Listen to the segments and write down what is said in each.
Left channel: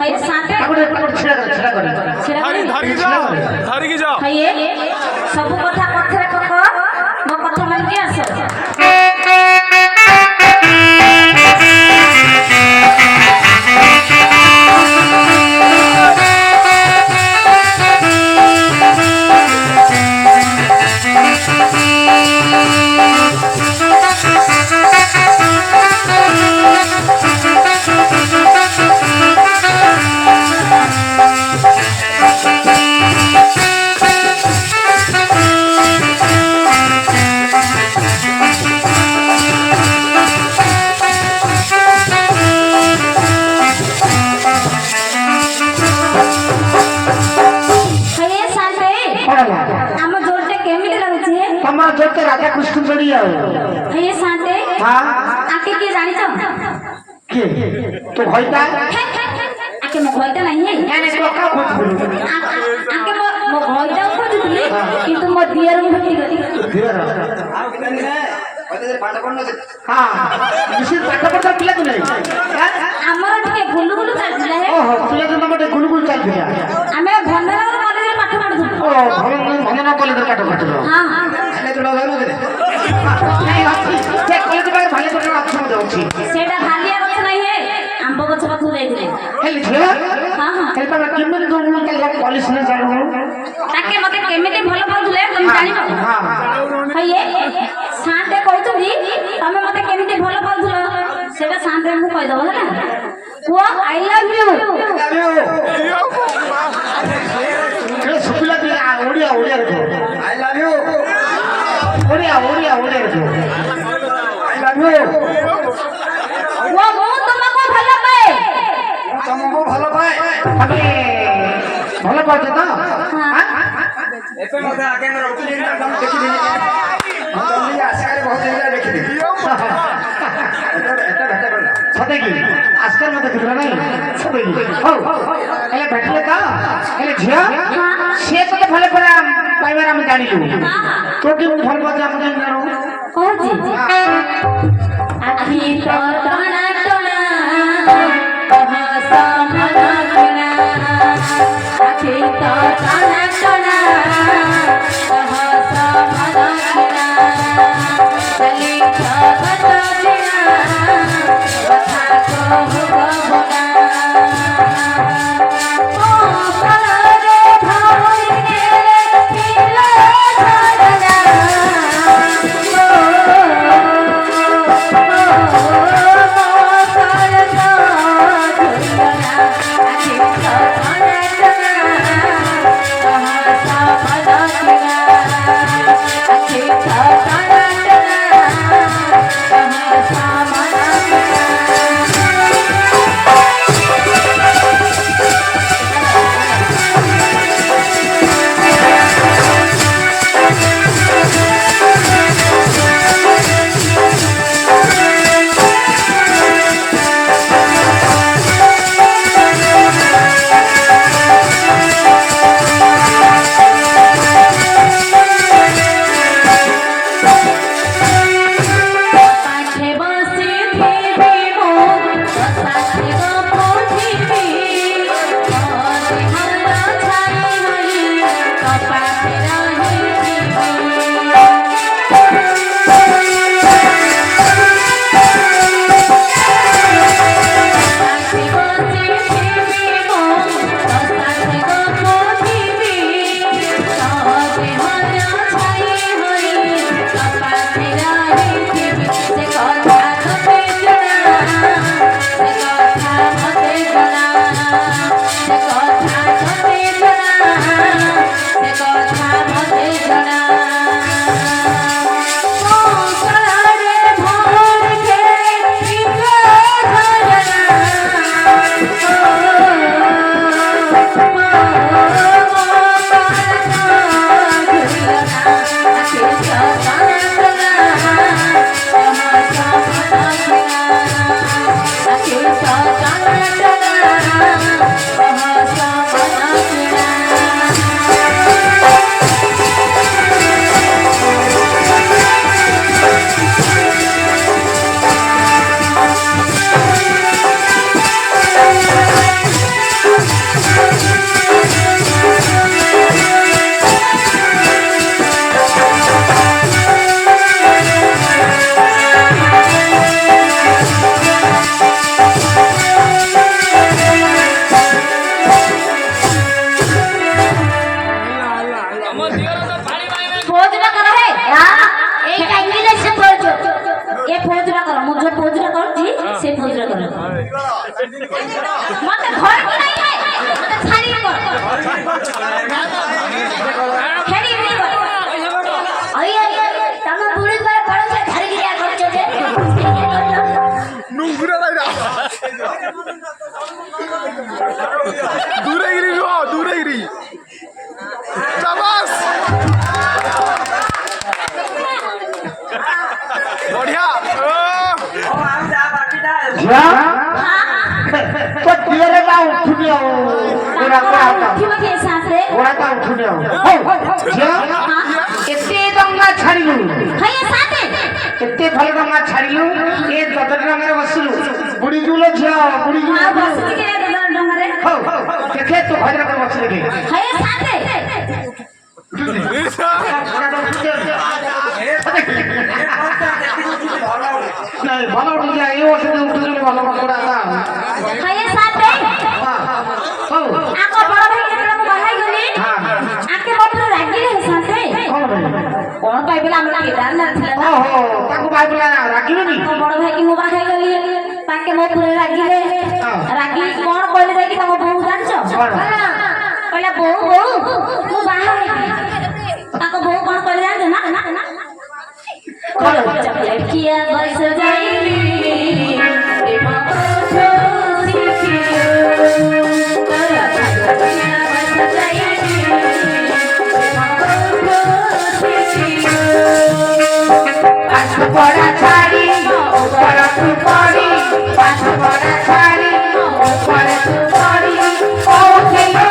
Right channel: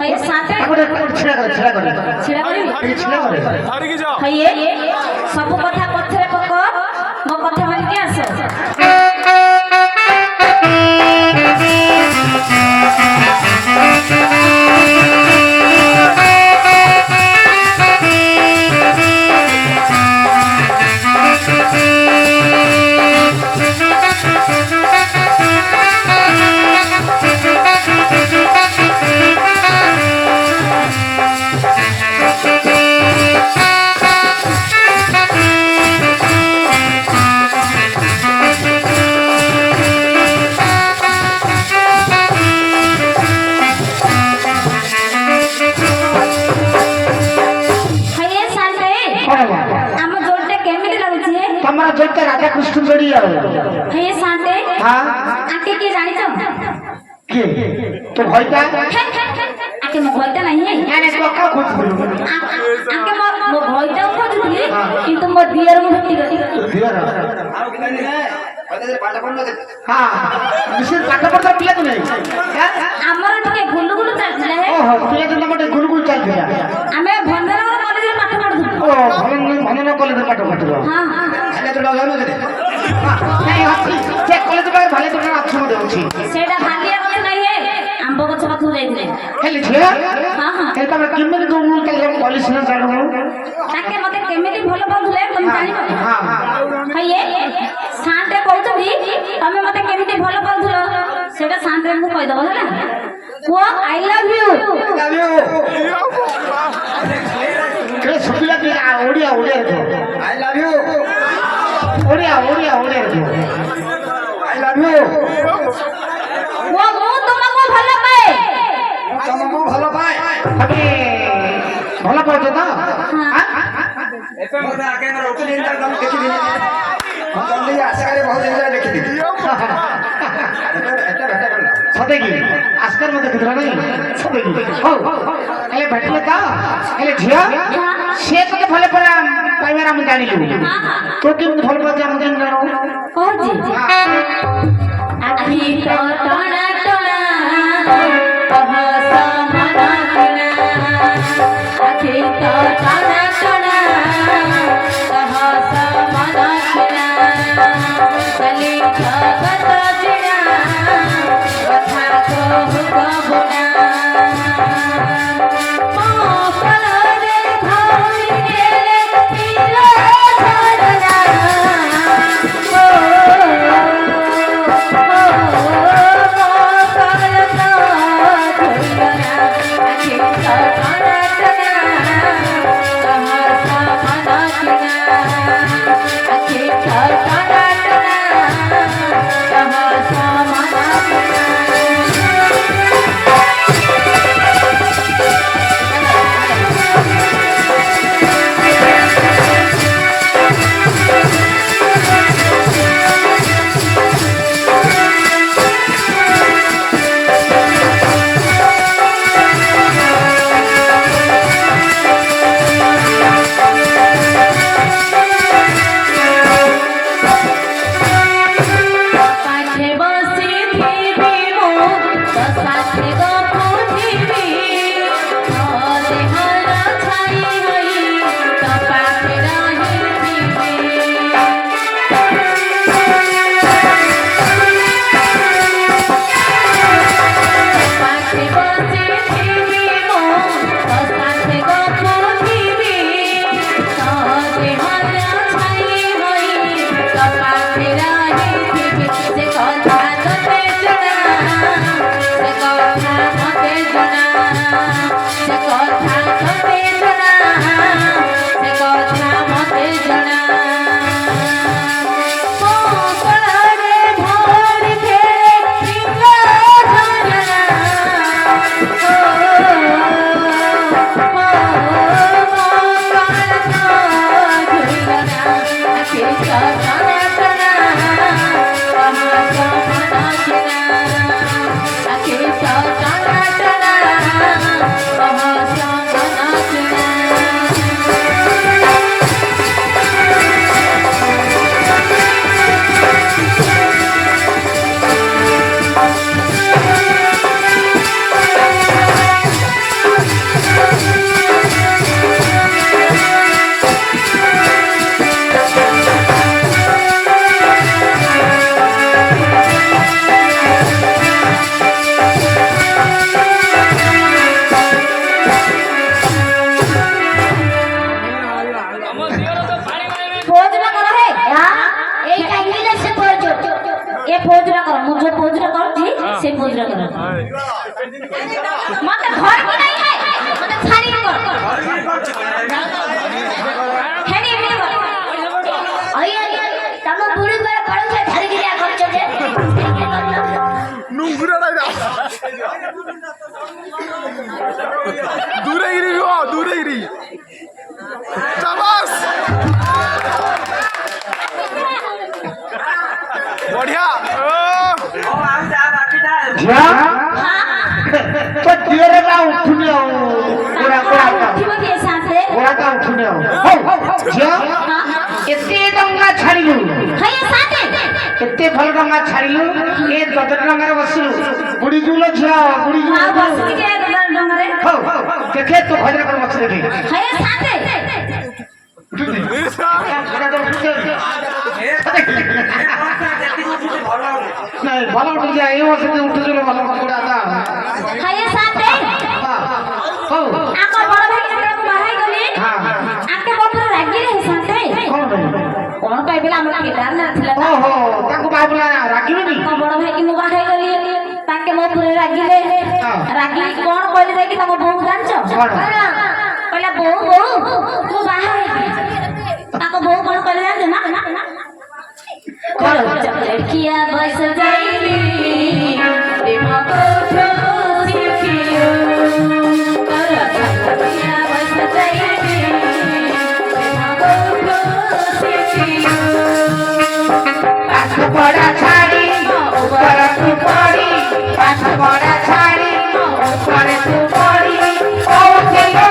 हये साथे छेड़ा कर हये सब कथा पथरे पक मो कथा मान के आस राजा कृष्ण जोड़ी आओ हे साथे हां आके के जानि तो के तो होइता आके मो होइता नहीं है यानी को का खोज आके मो होइता खोजुली किंतु मो दियर मो भक्ति गति दियर आओ के नहीं है होइता जे पाठ पढन हां विशेष पाठ पढता पिला को नहीं हमर टिके गुलुगुलु चलले ओहो पिला तो मते गुलुगुलु चलते हमें भंडन कॉलेज में पाठ पढु ओ भंडन कॉलेज में पाठ पढु हां हां हेले तो लगानो दे नहीं अच्छी जे कॉलेज में भले तो अच्छी मत होची सेडा भालिया गछ नहीं है आंबो गछ पाथु जाइले हेले झेला हां हां हेले तमे केमने जो के कॉलेज में जाडो ताके मते केमिति भलो पढुले तुम जानिबो हां हये शांते कहतबी तमे मते केमिति भलो पढुलो सेडा शांते हमको कहि दबो ना वो आई लव यू के सुपिला के ओडिया ओडिया रे I love you Odia Odia Odia रे आई लव यू वो तुमको भलो पाए तुमको भलो पाए अबे भलो पाते ना हां एपे मते आके मेरा उतनी इंटर हम देखि दी हम जल्दी आशा करे बहुत दिन देखि दी एटा भेटा करला सते की आजकल मते दिखला नहीं सते की हो एले भेटले का एले झिया से तो भले पड़ा पाइबार हम जानि लु तो कि भल पाते हम जानि जानो कौन जी अभी तो टना टना कहसा मना कना अभी तो टना टना कहसा मना कना चली जगत बिना कथा को होगा ओ करे भाई के मिला धरना मते घर को नहीं है मते छाड़ी को खेली भी कर आई तम बुड़ी पर पड़ो से छाड़ी दिया करछो जे নুঙ্গুরা নাই না দূরে গিরি গো দূরে গিরি চাবাস বড়িয়া ঝিয়া তো দিরে না উঠুনিও ওরা ওরা ठीक है साथ रे ওরা তা উঠুনিও ঝিয়া এতে ডঙ্গা ছাড়িলু है साथ এতে ভালো ডঙ্গা ছাড়িলু এ দদর ডঙ্গারে বসিলু বুড়ি জুলো ঝিয়া বুড়ি জুলো हां बस के दर डंगरे দেখে তো ভজনা করে বসে দেখে है साथ সেটা তো উঠে নাই ভালো উঠে এই ওসে উঠে দিলে ভালো করে আসা है साथ आको बड़ भाई के बाहर गली हां आके बाप रागी रे साथ कोन भाई बिला हमरा गिटार ना थिला ना ओहो ताको भाई बोला रागिबनी तो बड़ भाई की मुबा खाई गली ताके मो पूरे रागी रे रागी कोन कहले जाय कि तम बहु जानछो कहला बहु तू बाहर ताको बहु कोन कहले जानछो ना किया बस जाईली ए बाबा बड़ा छाड़ी ऊपर तू पड़ी पाछ बड़ा छाड़ी ऊपर तू पड़ी ओ खेले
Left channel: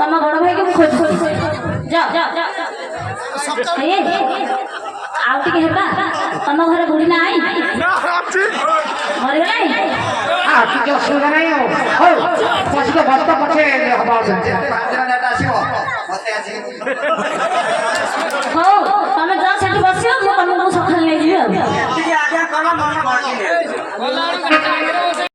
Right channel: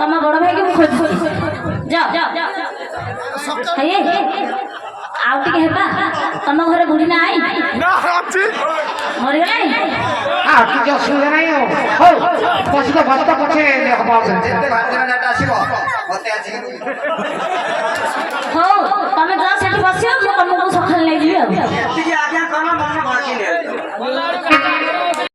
तम बड़ भाई के खोज जा आउ टिके हेबा तम घरे बुढ़ी ना आई না আছে मरि गलाई हां कि असुविधा नहीं हो पछी तो भक्त पछे हबा हो तमे जा सेठी बसियो मु तमको सखल ले जियो आज्ञा करा मन भड़की ले